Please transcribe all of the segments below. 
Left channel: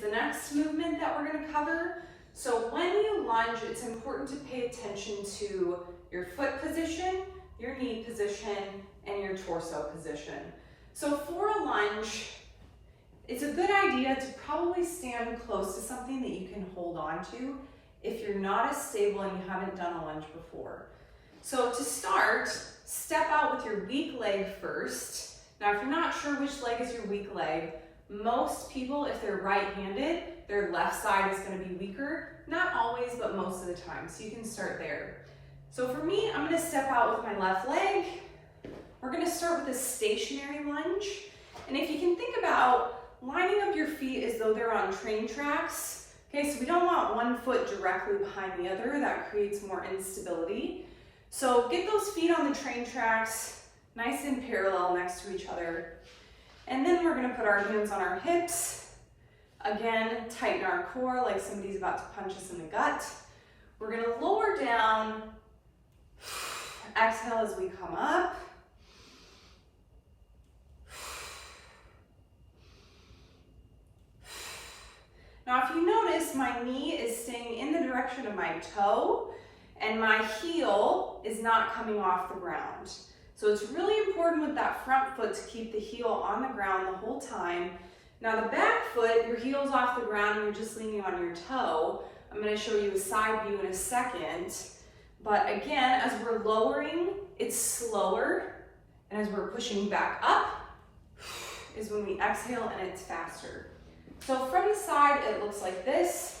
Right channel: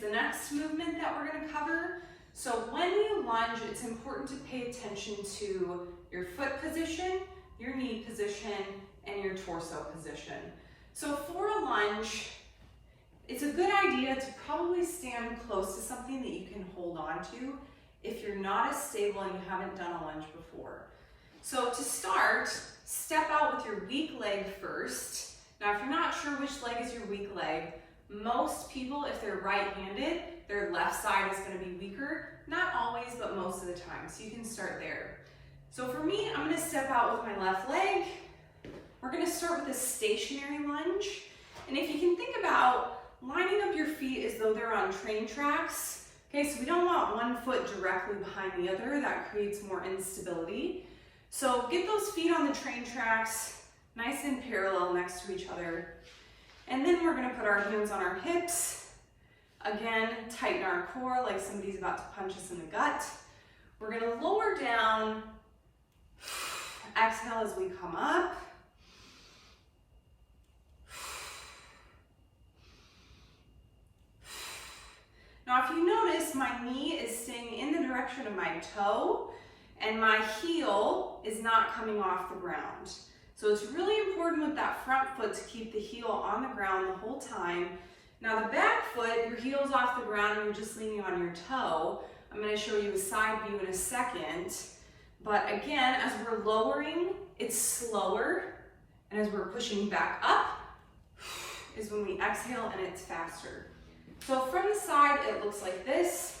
is the next movement that we're going to cover. So when you lunge, it's important to pay attention to your foot position, your knee position, and your torso position. So for a lunge, it's a good idea to probably stand close to something that you can hold on to if you're not as stable and you haven't done a lunge before. So to start, step out with your weak leg first. Now, if you're not sure which leg is your weak leg, most people, if they're right-handed, their left side is going to be weaker. Not always, but most of the time. So you can start there. So for me, I'm going to step out with my left leg. We're going to start with a stationary lunge. And if you can think about lining up your feet as though they're on train tracks. Okay, so we don't want one foot directly behind the other. That creates more instability. So get those feet on the train tracks, nice and parallel next to each other. And then we're going to put our hands on our hips. Again, tighten our core like somebody's about to punch us in the gut. We're going to lower down. Exhale as we come up. Now, if you notice, my knee is staying in the direction of my toe, and my heel is not coming off the ground. So it's really important with that front foot to keep the heel on the ground the whole time. Now the back foot, your heel's off the ground and you're just leaning on your toe. I'm going to show you a side view in a second. But again, as we're lowering, it's slower. And as we're pushing back up, is when we exhale and it's faster. So from the side, it looks like this.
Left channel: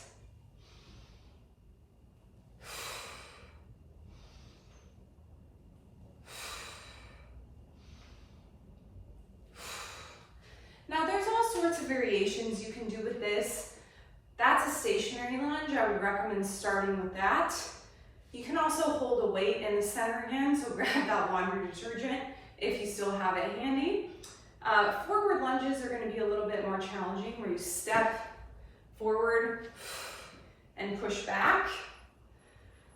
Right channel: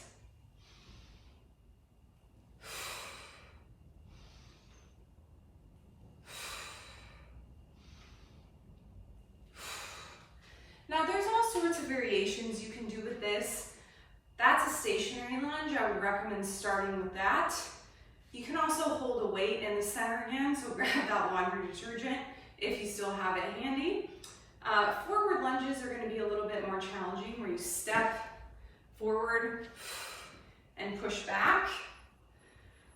Now there's all sorts of variations you can do with this. That's a stationary lunge. I would recommend starting with that. You can also hold a weight in the center again, so grab that laundry detergent if you still have it handy. Forward lunges are going to be a little bit more challenging, where you step forward and push back.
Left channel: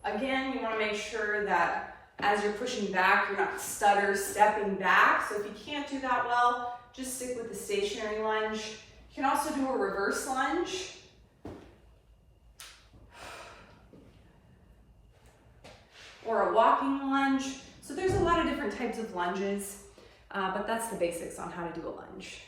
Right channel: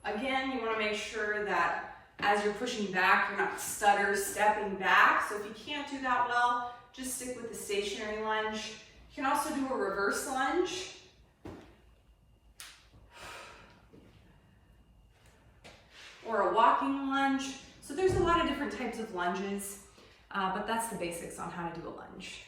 Again, you want to make sure that as you're pushing back, you're not stutter stepping back. So if you can't do that well, just stick with the stationary lunge. You can also do a reverse lunge. Or a walking lunge. So there's a lot of different types of lunges, but that's the basics on how to do a lunge.